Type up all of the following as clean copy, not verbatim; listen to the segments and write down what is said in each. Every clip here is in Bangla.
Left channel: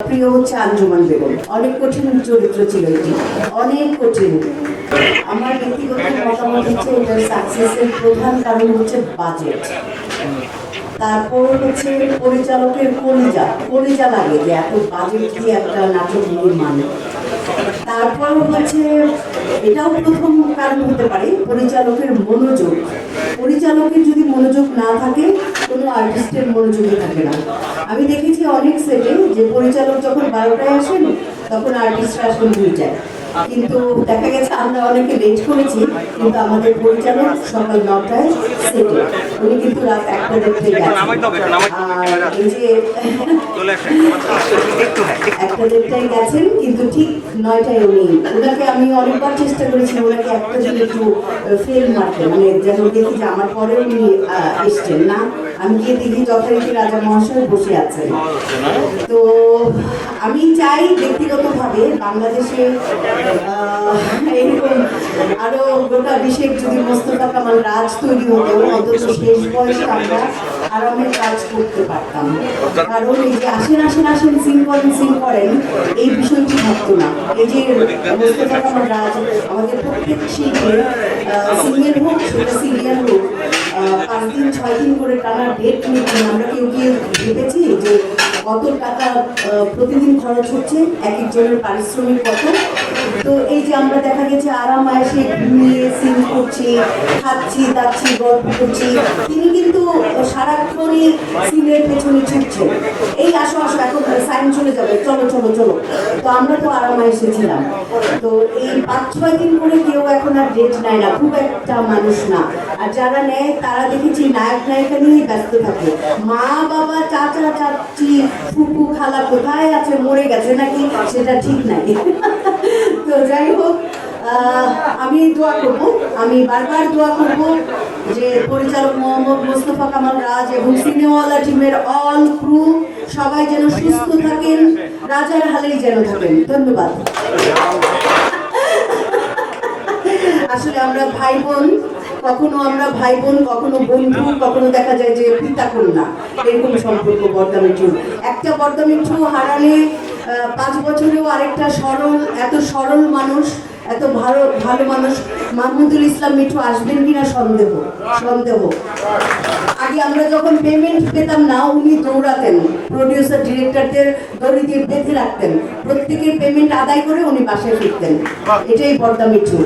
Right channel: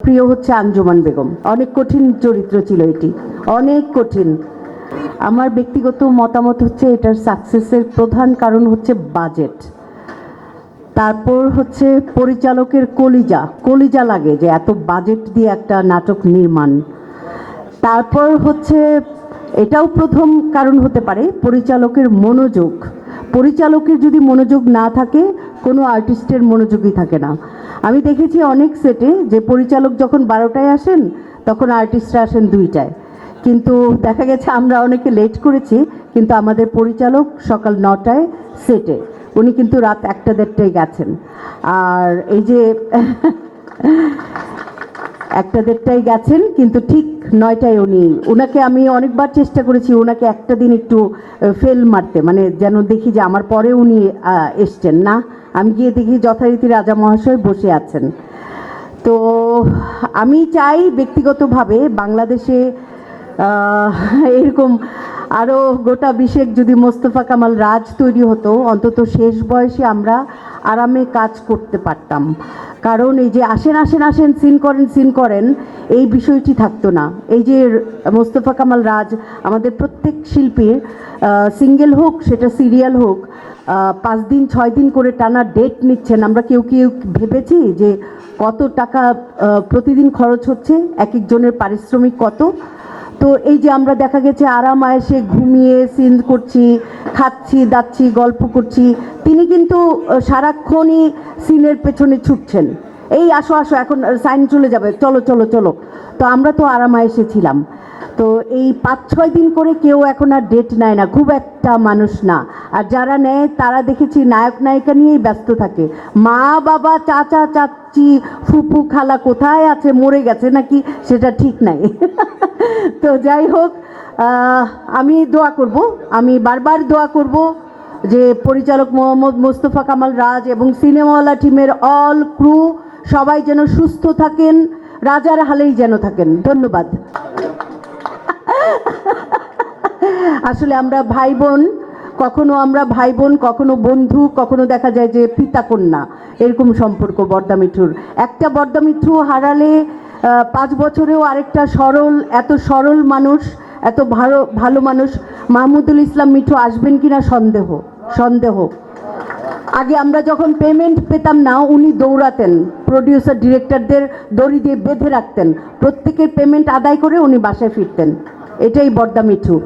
প্রিয় হচ্ছে আঞ্জুমান বেগম। অনেক কঠিন চরিত্র ছিল এটি, অনেক কঠিন। আমার ব্যক্তিগত মতামত হচ্ছে এটার সাকসেসের প্রধান কারণ হচ্ছে বাজেট, তারপর হচ্ছে পরিচালকের কলিজা লাগে যে এত বাজেট দিয়ে একটা নাটক নির্মাণ। তারপর হচ্ছে এটাও প্রথম কারণ হতে পারে পরিচালকের মনোযোগ। পরিচালকের যদি মনোযোগ না থাকে কোনো আর্টিস্টের মনোযোগই থাকে না। আমি দেখেছি অনেক সেটে যে পরিচালক যখন 12টায় আসেন তখন আর্টিস্টরা আসেন 2টায়, কিন্তু দেখা গেছে আমরা অনেকে লেট করেছি, কিন্তু আমাদের পরিচালক সকাল 9টায় সেটে, উনি কিন্তু রাত 1টা-1:30টায় গেছেন। আর এই যে 1টা-1:30টায় গেছেন, কিন্তু ঠিক 9টায় ওনাকে আমি অনেকবার চেষ্টা করেছি ওনাকে একটা দিন একটু ফেল মারতে, মানে যেন দেখি যে আমার পরে উনি এসছেন না। আমি গিয়ে দেখি যথারীতি রাজা মহাশয় বসে আছেন। তো আমি চাই ব্যক্তিগতভাবে বাংলাদেশে এরকম আরও গোটা বিশেষ যদি মোস্তফা কামাল রাজ তৈরি হতো, অন্তত শেষ বয়সে আমরা আরামে কাজ করতে পারতাম। কারণ এই যে আসেন আসেন আসেন সিন করেন এই বিষয়টি থাকতো না। এই যে মোস্তফা কামাল রাজ আমাদের প্রত্যেক শিল্পীর সিঙ্গেল হোক সেটা সিরিয়াল হোক 5 দিন 6 দিন করে টানা ডেট নিচ্ছেন। আমরা কেউ ভেবেছি যে কত টাকা প্রতিদিন খরচ হচ্ছে, এক একজনের পারিশ্রমিক কত। তো এই যে আমরা দেখা গেছে আরাম আয়েসে ঘুমিয়ে সিন করছি, খাচ্ছি যাচ্ছি গল্প করছি, তিনি কিন্তু সারাক্ষণই সিনের পেছনে ছুটছেন, এই আসো আসো এখন সাইন চলে যাবে, চলো চলো চলো। তো আমরা তো আরাম আয়েসে ছিলাম। তো এই 5-6 দিন করে কেউ এখন আর ডেট নেয় না, খুব একটা মানুষ না। আর যারা নেয় তারা দেখেছি নায়ক নায়িকা নিয়েই ব্যস্ত থাকে। মা বাবা চাচা চাচি ফুপু খালা কোথায় আছে, মরে গেছে নাকি, সেটা ঠিক নাই। তো যাই হোক, আমি দোয়া করব, আমি বারবার দোয়া করব যে পরিচালক মোহাম্মদ মোস্তফা কামাল রাজ এবং সিনেমাওয়ালা টিমের অল ক্রু সবাই যেন সুস্থ থাকেন, রাজার হালেই যেন থাকেন। ধন্যবাদ। আসলে আমরা ভাই বোন, কখনো কখনো বন্ধু, কখনো দেখা যায় যে পিতা কন্যা, এরকম সম্পর্ক বর্দা মিঠুর। একটা বর্দা মিঠু হারালে 5 বছরেও আরেকটা এত সরল মানুষ, এত ভালো মানুষ মাহমুদুল ইসলাম মিঠু আসবেন কিনা সন্দেহ। আগে আমরা যখন পেমেন্ট পেতাম না, উনি দৌড়াতেন, প্রডিউসার ডিরেক্টরদের দড়ি দিয়ে বেঁধে রাখতেন, প্রত্যেকের পেমেন্ট আদায় করে উনি বাসায় ফিরতেন। এটাই বর্দা মিঠু।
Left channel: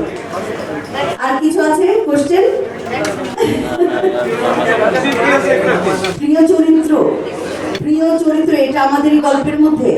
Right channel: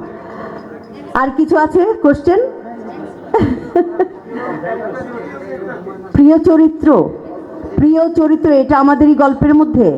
আর কিছু আছে কোশ্চেন? প্রিয় চরিত্র এটা আমাদের গল্পের মধ্যে